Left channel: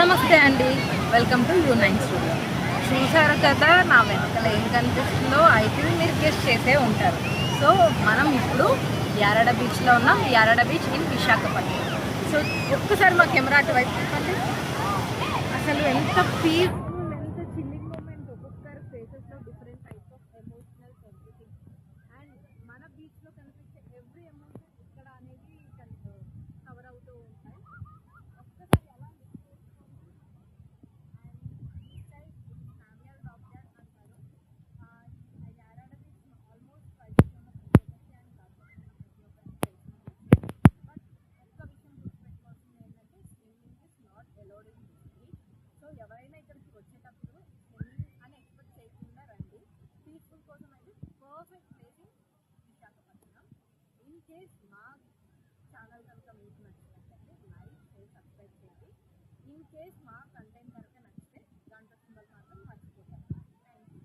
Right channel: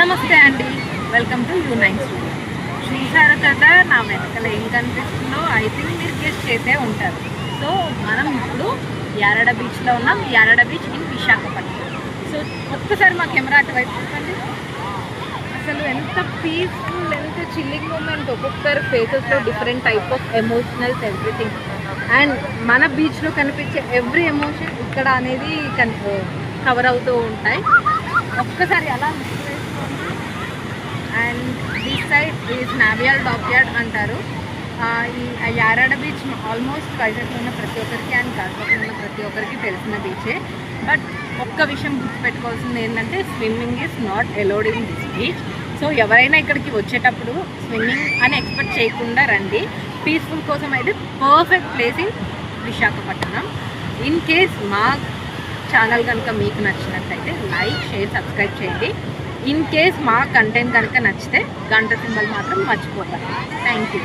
నమస్తే అండి, welcome to యూ9 studio. చూసారు కదా నా వెనకాల ఏం కనిపిస్తుందో? ఐ థింక్ మీరు గెస్ట్ చేసే ఉంటారు. సో మనం ఇప్పుడు యారాడ బీచ్లో ఉన్నాం. Yarada beach in Visakhapatnam. So ఒక్కసారి మా కెమెరా అటువైపు చూడండి. అసలు ఎంత పీస్ఫుల్, ఎంత చిల్లింగ్ మూమెంట్. ఒక్కొక్కరు ఫేసెస్లో different type of emotionals, everything. And మన బీచ్లో కనిపించే ఎవ్రీ ఎమోషన్ ఇక్కడ అనేది కవర్ అవుతూ ఉంటాయి. ఒక్కసారి అలా and this side is naval dockyard అంటారు. ఈ యారాడ బీచ్ ఆల్మోస్ట్ వైజాగ్లో ఉన్న ప్రతి ఒక్కరికి అండ్ కాకపోతే ఉన్న ప్రతి ఒక్కరికి తెలిసిన బీచే. బట్ ఒక్క విషయం గుర్తుపెట్టుకోవాల్సింది ఏంటంటే swimming is not allowed in this beach. So ఎవరైనా ఇక్కడికి వచ్చేటప్పుడు స్విమ్మింగ్ అని ఎక్స్పెక్ట్ చేయకుండా రండి. పీస్ఫుల్ కోసం అయితే perfect place in Visakhapatnam. In case మా ఛానల్ కనుక మీకు నచ్చినట్లయితే లైక్, షేర్, సబ్స్క్రైబ్ చేయండి. ఇన్ కేస్ మా కంటెంట్ కనుక నచ్చితే గంట సింబల్ మాత్రం మర్చిపోతారు. Thank you.